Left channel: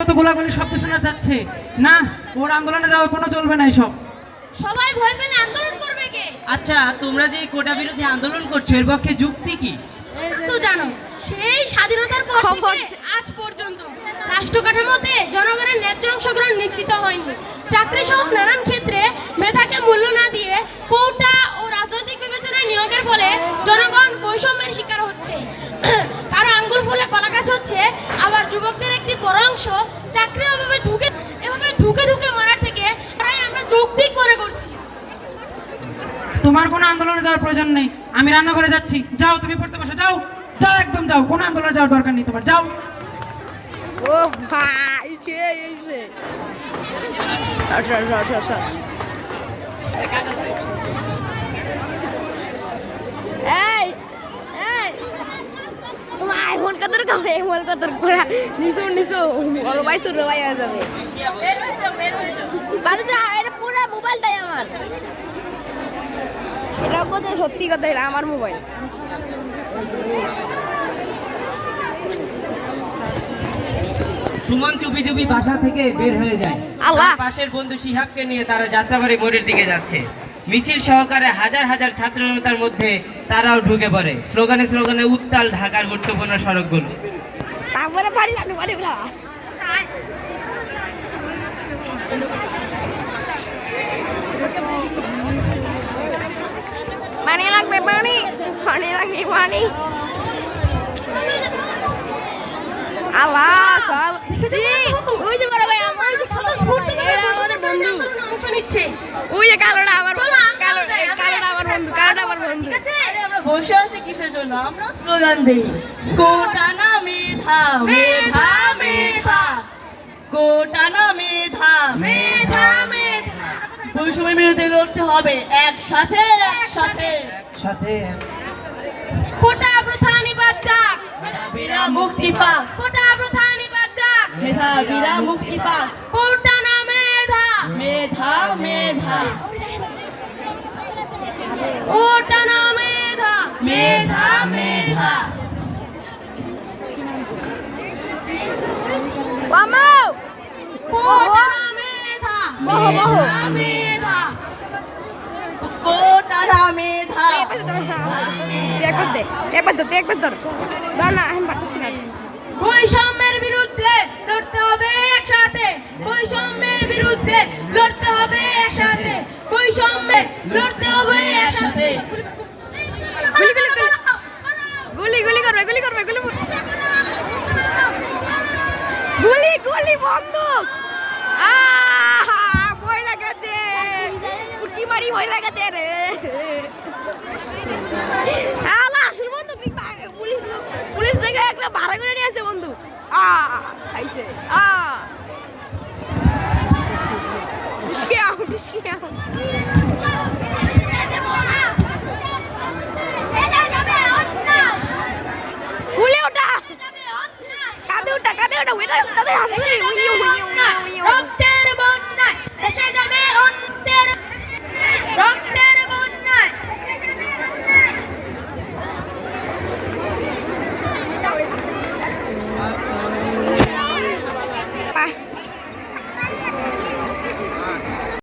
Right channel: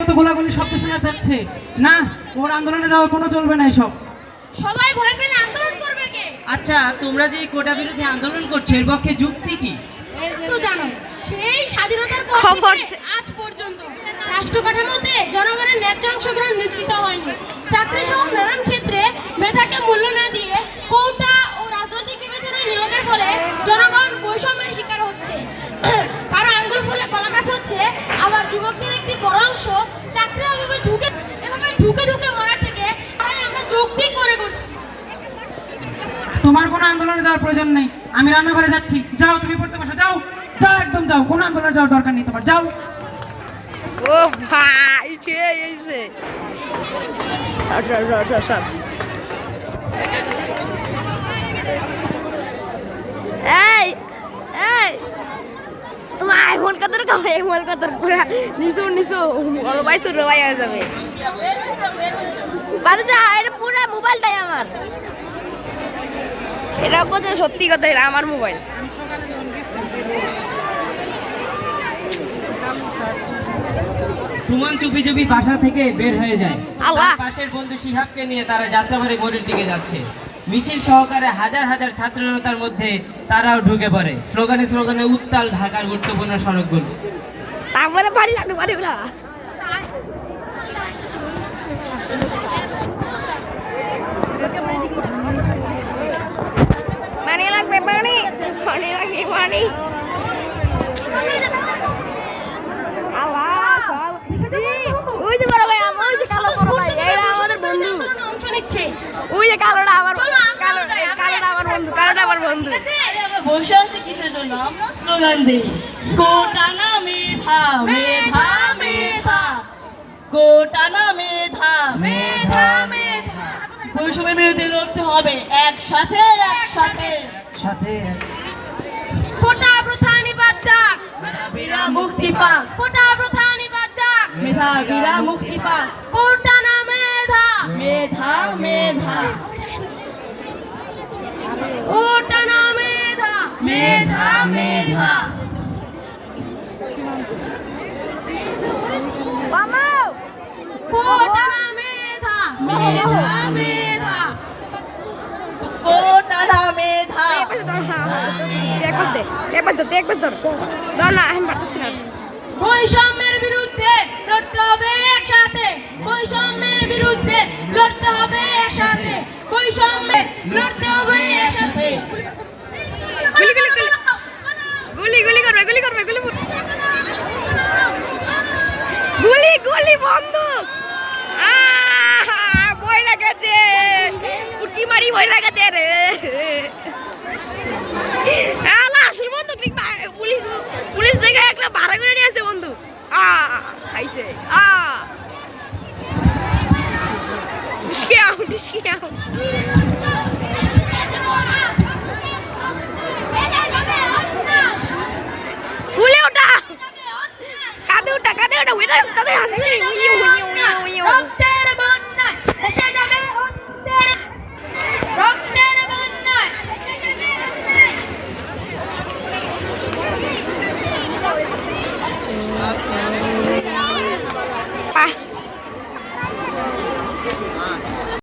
তো গোলাগুলি শব্দ শোনা যাচ্ছে না, ওর আন্দোলনে যাওয়া কোনো চলবে না। এসব সবাই ভয় পেলে আন্দোলন করবে কে? আচ্ছা, তোমরা যে কোটা বিরোধী আন্দোলন করছো এর পক্ষে যুক্তি কি? তো জানো, সেই স্বাধীনতার পর থেকে আজ পর্যন্ত রাষ্ট্র কাঠামোতে জনগণের ন্যায্য অংশগ্রহণ নিশ্চিত হয়নি। চাকরি সহ নানান ক্ষেত্রে মেধাকে মূল্য না দিয়ে কোটা ও রাজনৈতিক বিবেচনায় নিয়োগের ফলে জনগণ বৈষম্যের শিকার হচ্ছে। কারো আঙ্গুল ফুলে কলা গাছ হচ্ছে, আবার যুবকদের একটি বড় অংশ চাকরির অভাবে ধুকে ধুকে মারার থেকে তাই আমরা যৌক্তিক মনে করছি। তোমার কোনো আন্দোলনে যাওয়ার প্রয়োজন নেই, আমি রান্নাঘরে যাচ্ছি। যাও, তুমি পড়তে বসো, যাও যাও, একদম যাও, কোনো আন্দোলনে যাওয়ার দরকার নেই তোমার, যাও। ও ভাই এইছে আচ্ছা আচ্ছা আচ্ছা আচ্ছা এই এই তোমার আইফোন কতর কামে মোবাইল কতর পুরা নিছো বড় ভাই তোর ভাই হয়ে যাবে বাজে যা, এটা পুরা মোবাইলটাই আমার। এটা কথা সত্যি কথা, এটা আমার মোবাইল। সুমন চুপি চুপি বাসা থেকে বের হয়ে যায়। আল্লাহ! তার পাশের বন্ধু শিহাবকে নিয়ে তারা যাত্রাবাড়ি মোড়ের দিকে যাচ্ছে। মিছিল সহকারে হাজার হাজার ছাত্র জনতার মধ্যে তারাও ঢুকে পড়ে। স্লোগানে স্লোগানে উত্তাল ঢাকার গুরুত্বপূর্ণ সড়কগুলো। তারপরে বাড়ি জানো বাড়ি বলা পানি লাগবে, পানি পানি লাগবে, পানি। আল্লাহ সব ওই যে বড় ভাই, আমার যে কালো বড় ভাই, এরা আমাদের বন্ধু। অংশ নিচ্ছে। ওই যে কালোটা আমার কালোটা আমার বন্ধু, কালোটা আমার বন্ধু। আমরা বসে আছি কিসের জন্য? আমরা স্লোগান দিই, কোটা না মেধা, মেধা মেধা, কোটা না মেধা, মেধা মেধা। বৈষম্যের বিরুদ্ধে লড়তে হবে একসাথে একসাথে সাথে কোটা প্রথা নিবাদ যাক, মেধাবীরা মুক্তি পাক। কোটা প্রথা নিবাদ যাক, মেধাবীরা মুক্তি পাক। কোটা না মেধা, মেধা মেধা, কোটা না মেধা, মেধা মেধা। মামু কোটা না মেধা, মেধা মেধা, কোটা না মেধা। বৈষম্যের বিরুদ্ধে লড়তে হবে একসাথে, বৈষম্যের বিরুদ্ধে লড়তে হবে একসাথে, বৈষম্যে লড়তে হবে একসাথে। গুলি করবে গুলি বন্দুক। ভয় লাগাছে, উঠি মারি ভয় লাগাছে রে। আসল বন্ধু পুলিশ দেখে একটা ভাড়া করে নিয়ে আছে বন্ধু। খাইছে গুলি ওটা কাঁদে ওটা তাদের হাসপাতালে